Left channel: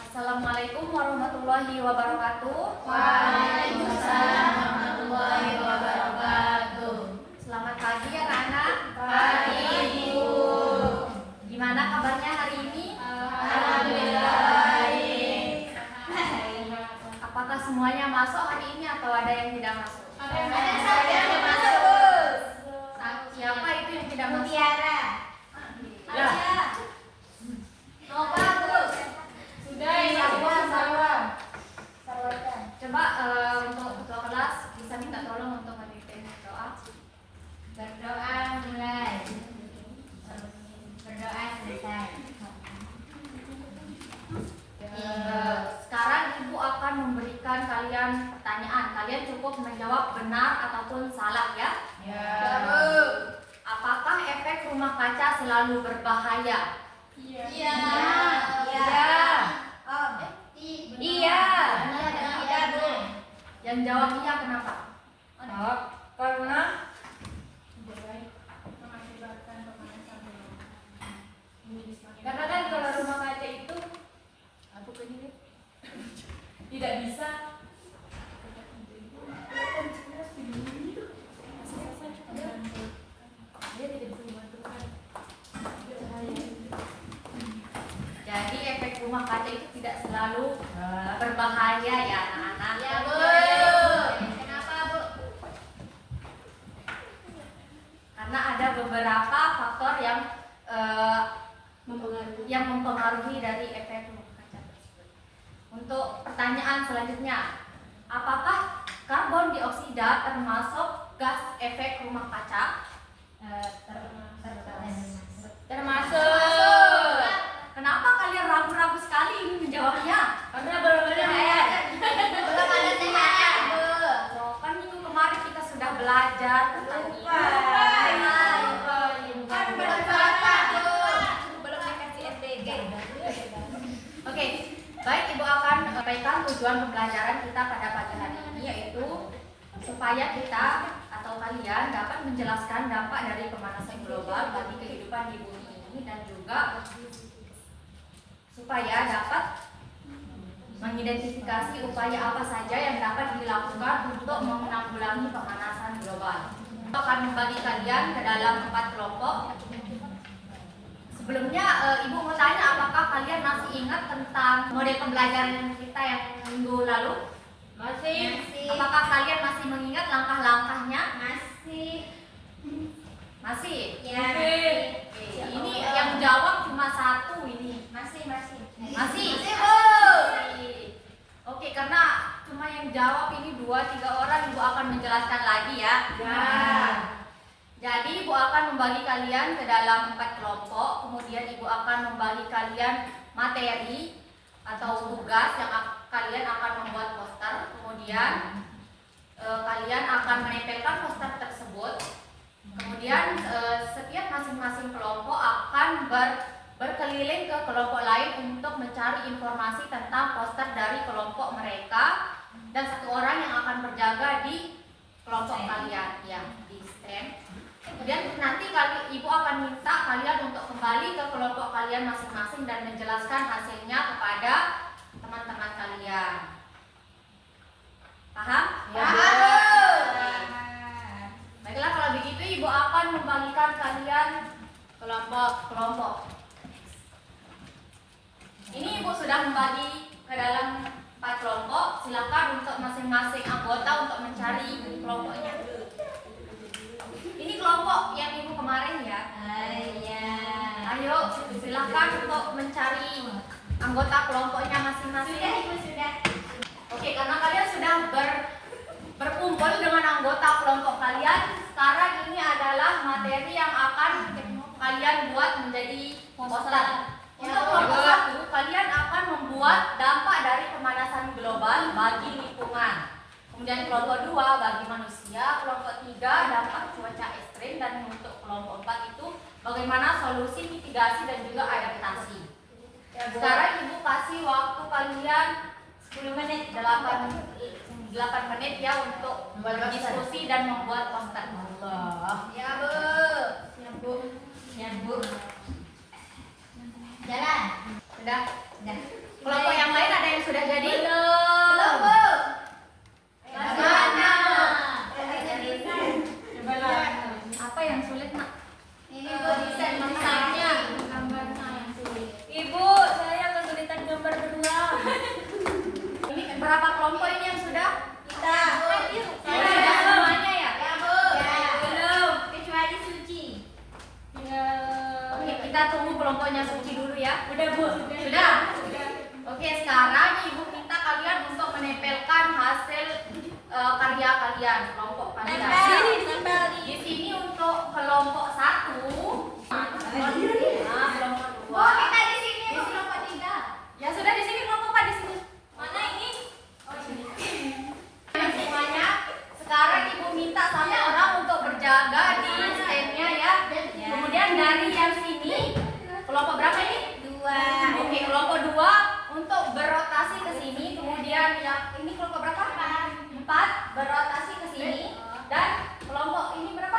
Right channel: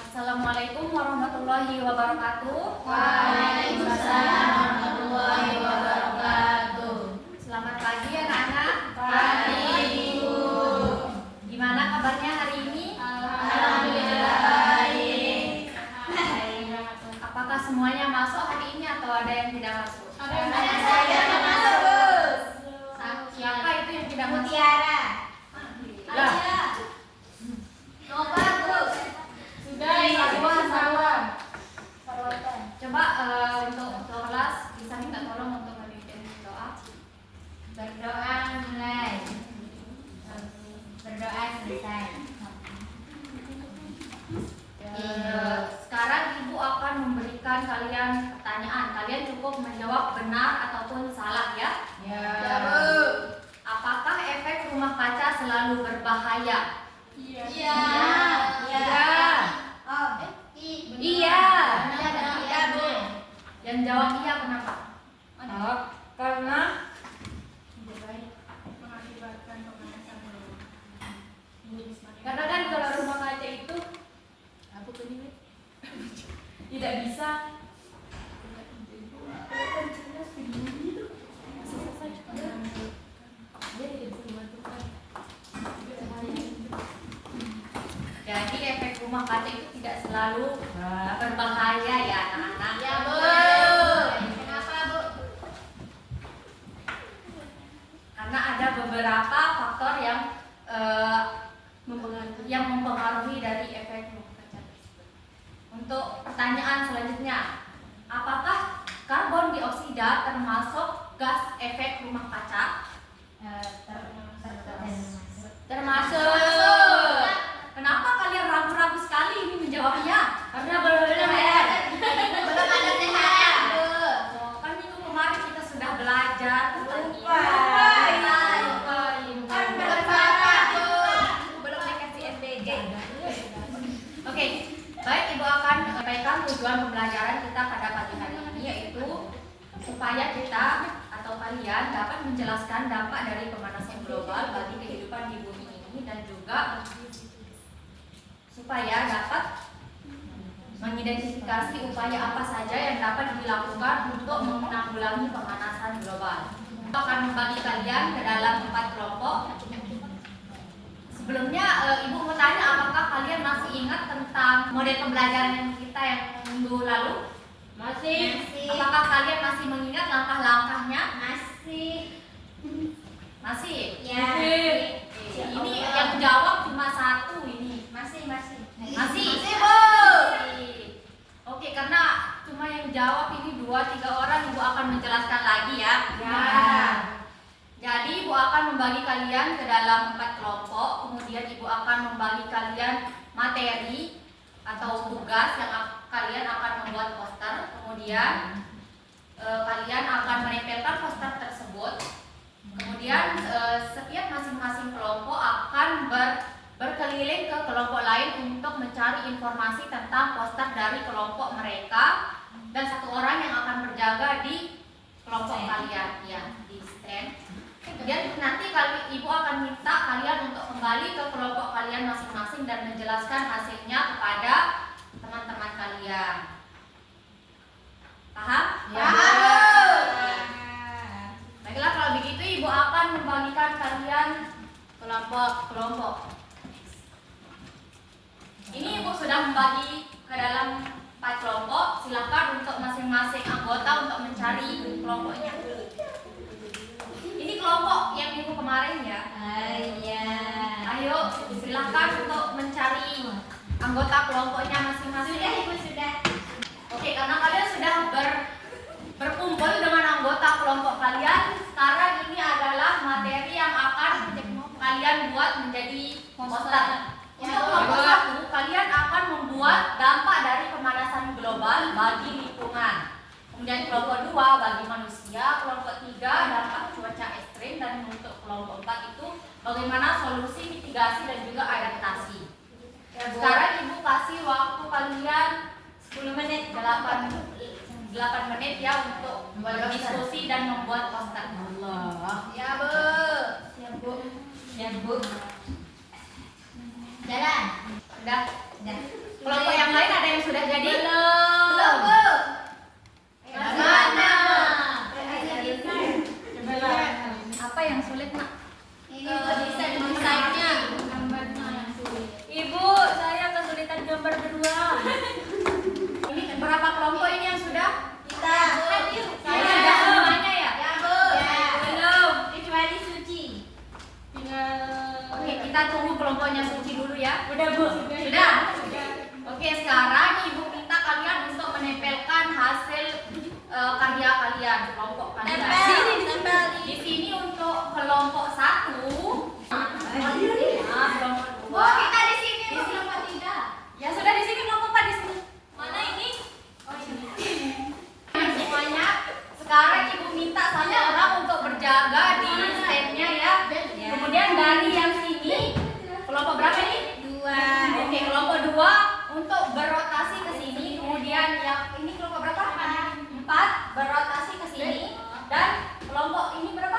Assalamualaikum warahmatullahi wabarakatuh. Waalaikumsalam warahmatullahi wabarakatuh. Selamat pagi anak-anak. Pagi, Bu. Gimana kabarnya hari ini? Alhamdulillah baik. Apakah semuanya masuk hari ini atau ada yang tidak masuk? Ada saya yang masuk, Bos. Siapa itu yang tidak masuk? Mutiara. Lah. Nova, Bos. Sudah ini Sarwan. Coba untuk ketua kelas bisa minta tolong untuk memimpin doa. Berdoa mulai. Berdoa selesai. Sekarang Ibu akan memberikan kalian pertanyaan. Kalian cukup menjawab benar ataupun salah ya. Ya, Bu. Apakah efek rumah kaca selalu berbahaya? Iya. Iya. Oh, Iya. Iya, Bu. Yang jawab iya kenapa? Karena kan kalau rumah kaca itu tidak bisa jadi efek rumah kaca itu tidak selalu berbahaya ya anak-anak. Ya, Bu. Kenapa, Bu? Karena ada beberapa faktor yang mempengaruhi dari efek rumah kaca tersebut. Untuk pertanyaan selanjutnya, apakah karbon dioksida termasuk gas efek rumah kaca? Termasuk. Kenapa kalian ragu-ragu sekali ini menjawabnya? Karena belum ada sehat, Bu. kan minggu kemarin kita sudah belajar tentang ini. Lupa. Kan belum apa, Bu. Belum dikasih SDG. Oke, baik, Ibu akan sampaikan tujuan pembelajaran kita pada pagi hari ini, yaitu supaya kita atau kalian dapat menjelaskan dampak dari pemanasan global bagi kehidupan di bumi ini dan juga supaya dapat mengidentifikasi upaya apa saja yang dapat dilakukan untuk menanggulangi pemanasan global. Kita akan membagi kalian ke dalam 4 kelompok. Sebelumnya Ibu mau tanya, apakah kalian masih ingat tentang model pembelajaran kita yang minggu lalu? Masih. Apakah kalian masih mengingat langkah-langkahnya? Masih. Masih? Ya. Oke, ini yang jawab cuma satu ini. Masih. Masih? Bu. Oke, karena cuma yang jawab ini 2-3 orang, Ibu akan menjelaskan lagi ya. Ya. Jadi Ibu akan membagi kalian ke dalam 4 kelompok. Kemudian Ibu akan membagi kalian materi atau tugas yang kalian akan membuat poster. Kemudian kalian akan menempelkan poster tersebut. Kemudian setiap masing-masing kelompok akan berkeliling ke kelompok lain untuk mencari informasi tentang poster dari kelompok mereka, dan satu orang yang akan berjaga di kelompok kalian ya, di stand. Kemudian nanti Ibu akan minta kalian untuk kembali ke kelompok kalian masing-masing dan menjelaskan hasilnya kepada teman-teman kalian. Paham? Ya. Baiklah, kalau begitu Ibu akan membagikan kalian kelompok-kelompok. Ini Ibu sudah membagi ke dalam 4 kelompok. Silakan untuk masing-masing anggota untuk mencari kelompoknya. Ini kelompok yang Ibu kemarin ya. Iya. Ayo silakan untuk mencari anggota kelompoknya masing-masing. Sudah, Ibu, sudah. Oke, karena kalian sudah berkumpul dengan anggota kelompok kalian, sekarang ini adalah materi yang akan kalian buat menjadi poster. Untuk kelompok 1, kalian akan membuat dampak dari pemanasan global bagi lingkungan. Kemudian kelompok 2 bagi manusia, kelompok 3 dampak cuaca ekstrim, dan untuk kelompok 4 itu bagaimana solusi mitigasi dan juga adaptasi. Sekarang Ibu kasih waktu kalian 10 menit, 8 menit ya untuk berdiskusi dan membuat poster. Ya, Bu. Ya, Bu. Jalan. Sudah. Sudah. Kelompok yang lain ada yang sudah jadi? Belum. Mana? Coba lihat. Apa yang sulit, Nak? Ini desain desainnya. Gambarnya yang sulit. Ibu, saya kesulitan gambar berdua. Ini berapa kelompok ini yang sudah? Kita. Sudah semuanya ya? Ya, Bu. Belum. Kecuali Suci. Oke, kita tunggu kelompoknya Suci dulu ya. Udah, Bu. Sudah? Oke, sekarang Ibu minta kalian untuk menempelkan hasil karya kalian, kelompok kalian. Tempel. Di sini untuk kelompok 1, kelompok 2. Kita di sini kelompok 3. Ya sudah di sini kelompok 4 di sini. Mana ini? Oh, ini. Semuanya. Sekarang Ibu minta satu orang untuk berjaga di stand-nya ya. Kemudian dari yang sini, kelompok berapa ini? 2. Oke, kelompok 2 untuk berotasi ke sini. Kemudian yang ini kelompok berapa? 4 berotasi ke sini. Dan kelompok ini berapa?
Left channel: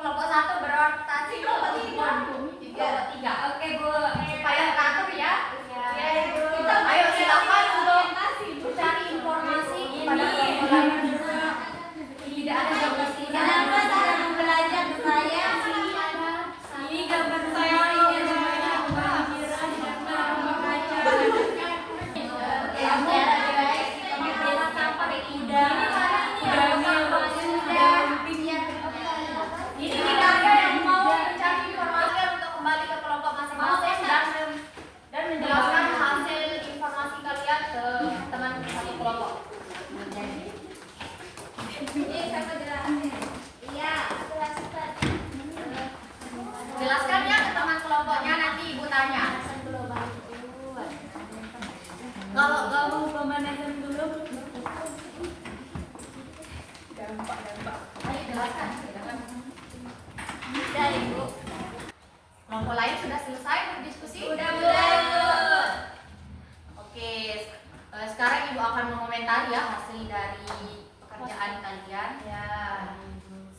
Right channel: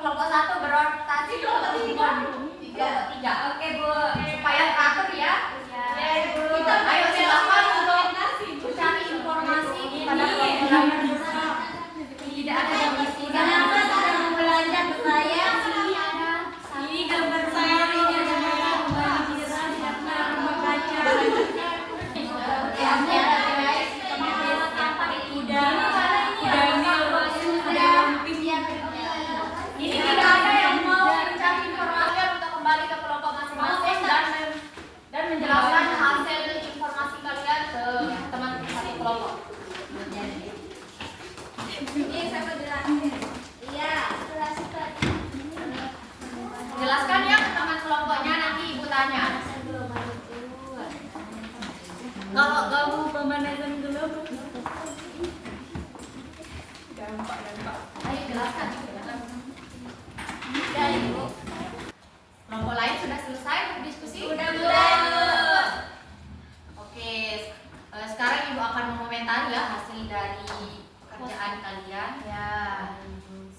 Kelompok 1 berotasi ke kelompok 3. Oke, Bu. Supaya teratur ya. Ya, Ibu. Ayo silakan untuk mencari informasi pada kelompok lain. Tidak ada domisi. Kenapa kita mau belajar berbayar? Sini ada. Ini gambar saya, ini ada merah, merah, membaca. Ya, guys. Ini tidak ada yang mau mencari informasi untuk kembali ke kelompok masing-masing dan menjelaskan hasil informasi kalian ke teman satu kelompok. Ini saya mau jelasin. Iya, Jelaskan ya ke teman kelompoknya, nanti Ibu tanya. Kalau kamu pemanasan dulu. Ayo jelaskan. Udah, Ibu. Kelompok lain sudah selesai berdiskusi? Udah, Bu. Oke, sekarang Ibu akan mengomentari ya hasil dari pekerjaan kalian. Ya.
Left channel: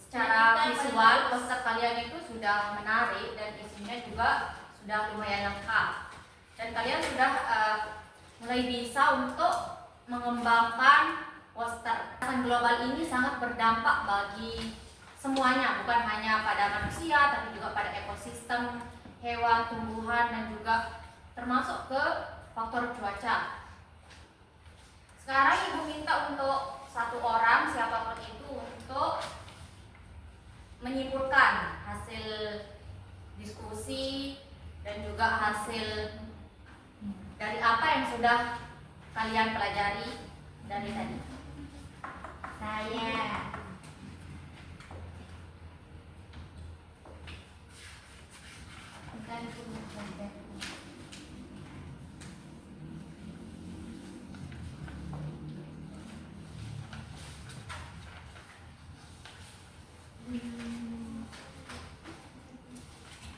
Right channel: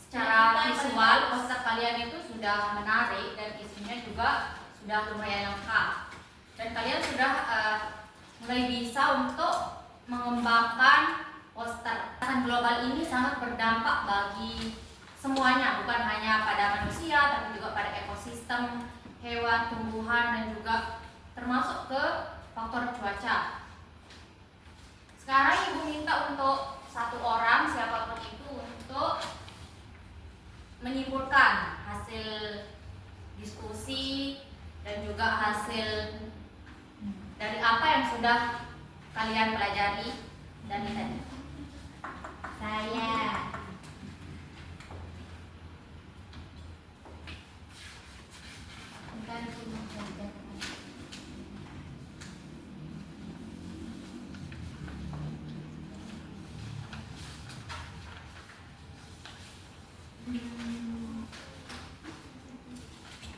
Secara visual, poster kalian itu sudah menarik dan isinya juga sudah lumayan lengkap. Dan kalian sudah mulai bisa untuk mengembangkan poster. Pemanasan global ini sangat berdampak bagi semuanya, bukan hanya pada manusia, tapi juga pada ekosistem, hewan, tumbuhan, dan juga termasuk ke faktor cuaca. Sekarang Ibu minta untuk satu orang, siapapun itu, untuk menyimpulkan hasil diskusi dan juga hasil dari apa yang sudah kalian pelajari dari tadi. Saya.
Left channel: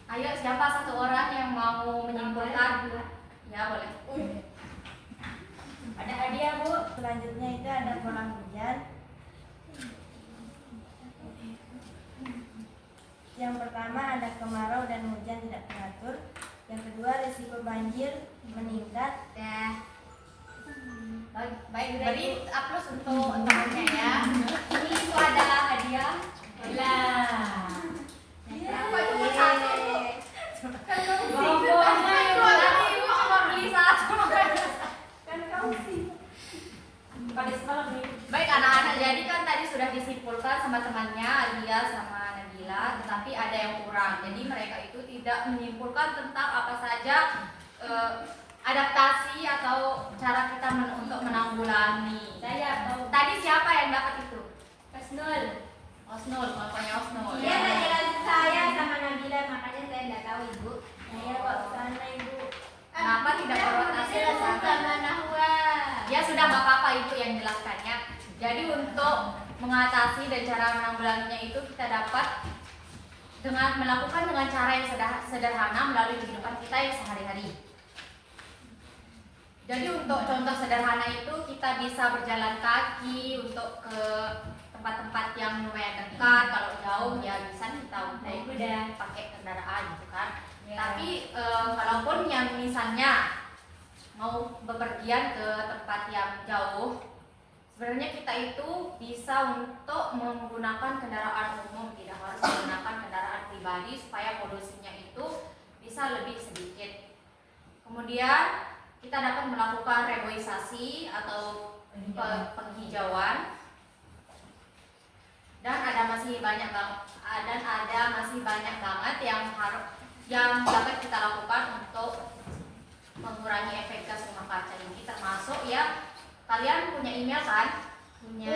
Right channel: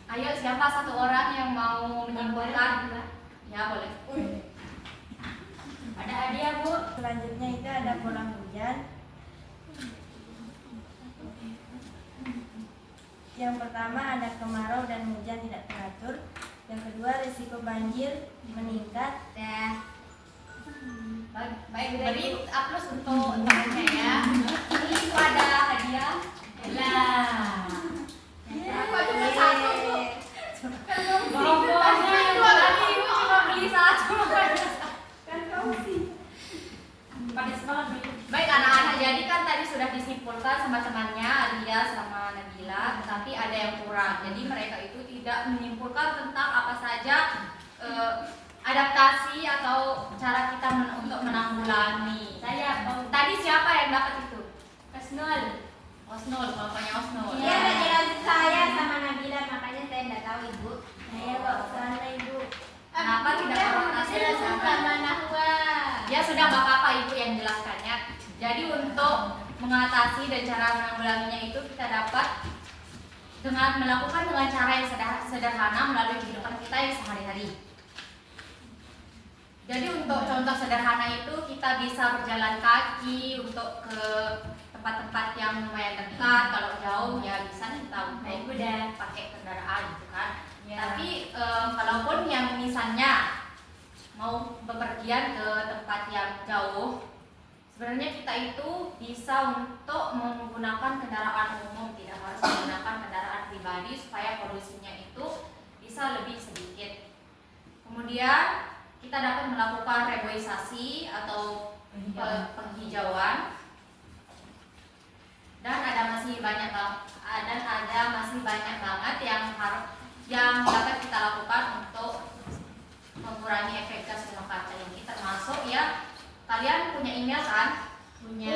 Ayo, siapa satu orang yang mau menyimpulkan? Ya, boleh. Ada hadiah, Bu. Selanjutnya itu ada pola hujan. Yang pertama ada kemarau dan hujan tidak teratur. Yang kedua risiko banjir meningkat. Baik, beri aplaus untuk temannya ya. Ini itu ada hadiah. Lah. Berapa cuma satu, Bu? Pokoknya Itu tadi Ibu cuma beli satu. kan kamu sih. Pada sekolah Baik anak-anak, jadi kan tadi sudah disimpulkan sama temannya Alia sama Nabila, tetapi ada yang kurang. Jadi mereka itu tidak menyimpulkan tentang apa saja adaptasi atau cara kita untuk menanggulangi. Tadi siapa yang dapat itu? Osnul, kelompoknya Osnul. Dia ngejelasin saya sama Nabila, makanya saya nggak tahu, Ibu. Saya kok sana, Ibu. Kenapa tidak berotasi ke sana? Sama Nahwa. Ya sudah, gak apa-apa Ibu yang jelaskannya. Jadi untuk mengatasi dan cara menanggulanginya itu kita dapat dengan melakukan dengan cara yang sederhana melalui kehidupan kita yang sehari-hari. Jadi untuk contoh sederhana itu kita bisa berjalan kaki untuk ke tempat tempat-tempat yang lumayan dekat. Kalau jauh ya bisa kita naik kuda, pakai kendaraan gitu kan. Tapi kalaupun yang misalnya mau bepergian ke tempat yang jauh, sebenarnya kita itu bisa untuk menggunakan kendaraan umum, tidak harus menggunakan kendaraan pribadi supaya polusinya itu bisa lebih sedikit. Kemudian kita dapat melakukan reboisasi atau penghijauan, dan ada masih banyak banget yang dapat kita lakukan untuk mengurangi efek gas rumah kaca ini, termasuk ya kalian punya email kan? Punya.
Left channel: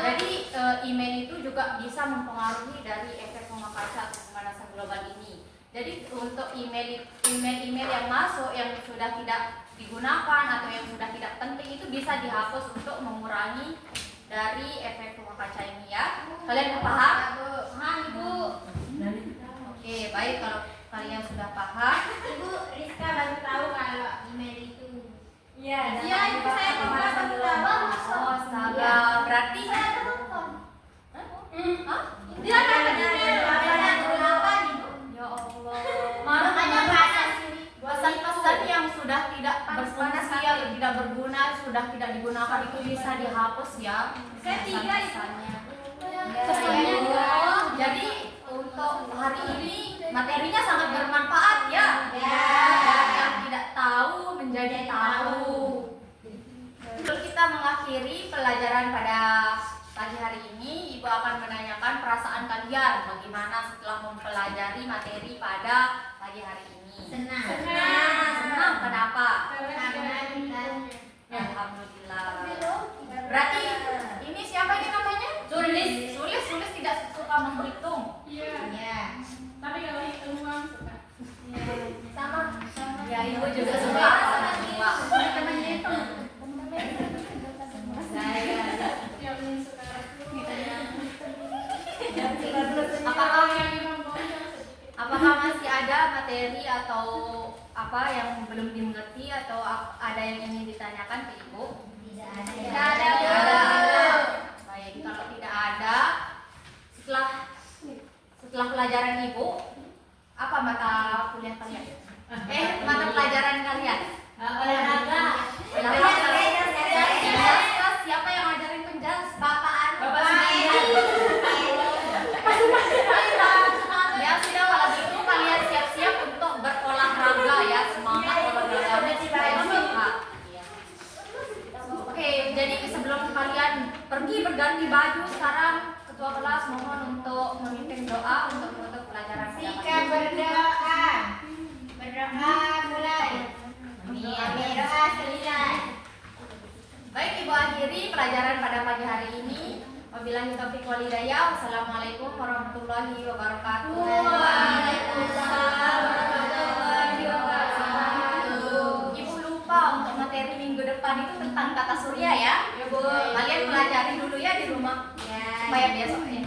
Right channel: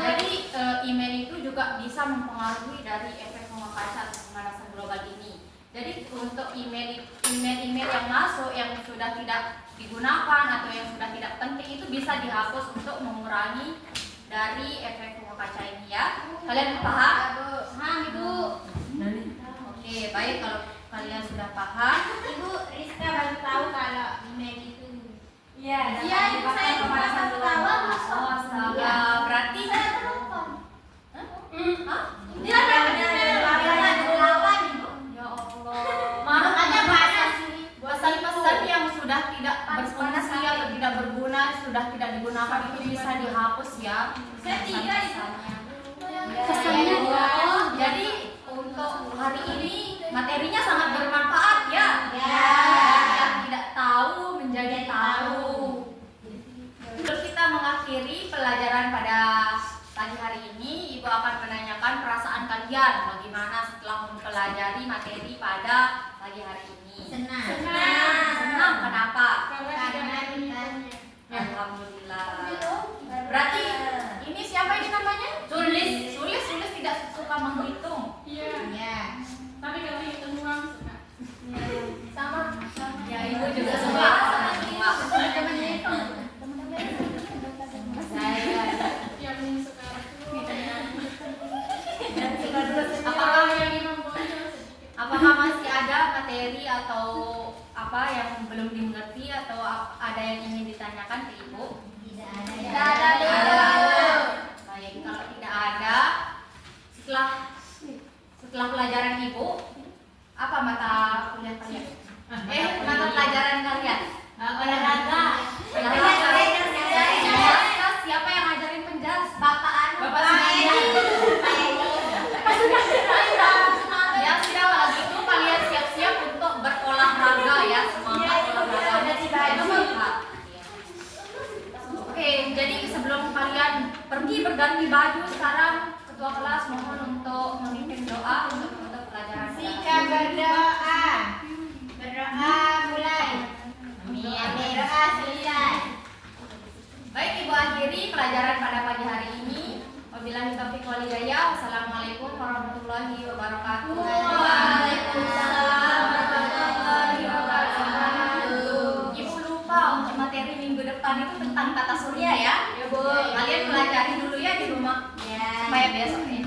Jadi email itu juga bisa mempengaruhi dari efek rumah kaca atau pemanasan global ini. Jadi untuk email yang masuk yang sudah tidak digunakan atau yang sudah tidak penting itu bisa dihapus untuk mengurangi dari efek rumah kaca ini ya. Kalian paham? Paham Ibu? Oke, baik kalau kalian sudah paham. Ibu Rizka baru tahu kalau email itu. Iya, Ibu saya pemanasan baru global. tahu. Oh, astaga. Berarti Saya telepon. Hah? Dia ada delapan Ibu. Ya Allah. Makanya bahasa sini. Pesan-pesan yang sudah tidak berfungsi atau tidak berguna, sudah tidak digunakan itu bisa dihapus ya. Saya tiga itu. Pesannya. Pesannya dua. Jadi untuk hari ini materinya sangat bermanfaat ya. Ya. Dan yang tidak tahu menjadi tahu. Untuk kita mengakhiri pelajaran pada pagi hari ini, Ibu akan menanyakan perasaan kalian bagaimana setelah mempelajari materi pada pagi hari ini. Senang. Senang, kenapa? Karena Alhamdulillah. Berarti ini siapa ini namanya? Sulis. Sulis tidak suka menghitung. Iya. Tapi kalau hitung uang suka. Sama. Ya, Ibu juga suka sama uang. Saya. Yang ingin suka Apakah yang membongkar sedikit. Apakah masih ada materi atau apa yang belum dimengerti atau ada yang ingin ditanyakan ke Ibu? Tidak ada. Tidak ada. Baik, kalau tidak ada, setelah pelajaran Ibu, apa mata kuliah kalian? Mata pelajaran kalian? Olahraga. Penjas. Siapa yang ngajarin penjas? Bapak Ya sudah, kalau gitu kalian siap-siap untuk berolahraga ya, semangat olahraganya supaya sehat. Oke, jadi sebelum kalian pergi berganti baju sekarang, ketua kelas mohon untuk memimpin doa untuk menutup pelajaran pada pagi Sika ini. berdoa. Berdoa mulai. Berdoa selesai. Baik, Ibu akhiri pelajaran pada pagi hari ini. Wabillahi taufiq wal hidayah. Wassalamualaikum warahmatullahi wabarakatuh. Waalaikumsalam warahmatullahi wabarakatuh. Ibu lupa untuk materi minggu depan itu tentang tata surya ya. Ya, Bu. Kalian pelajari dulu ya di rumah Ya. supaya besok ya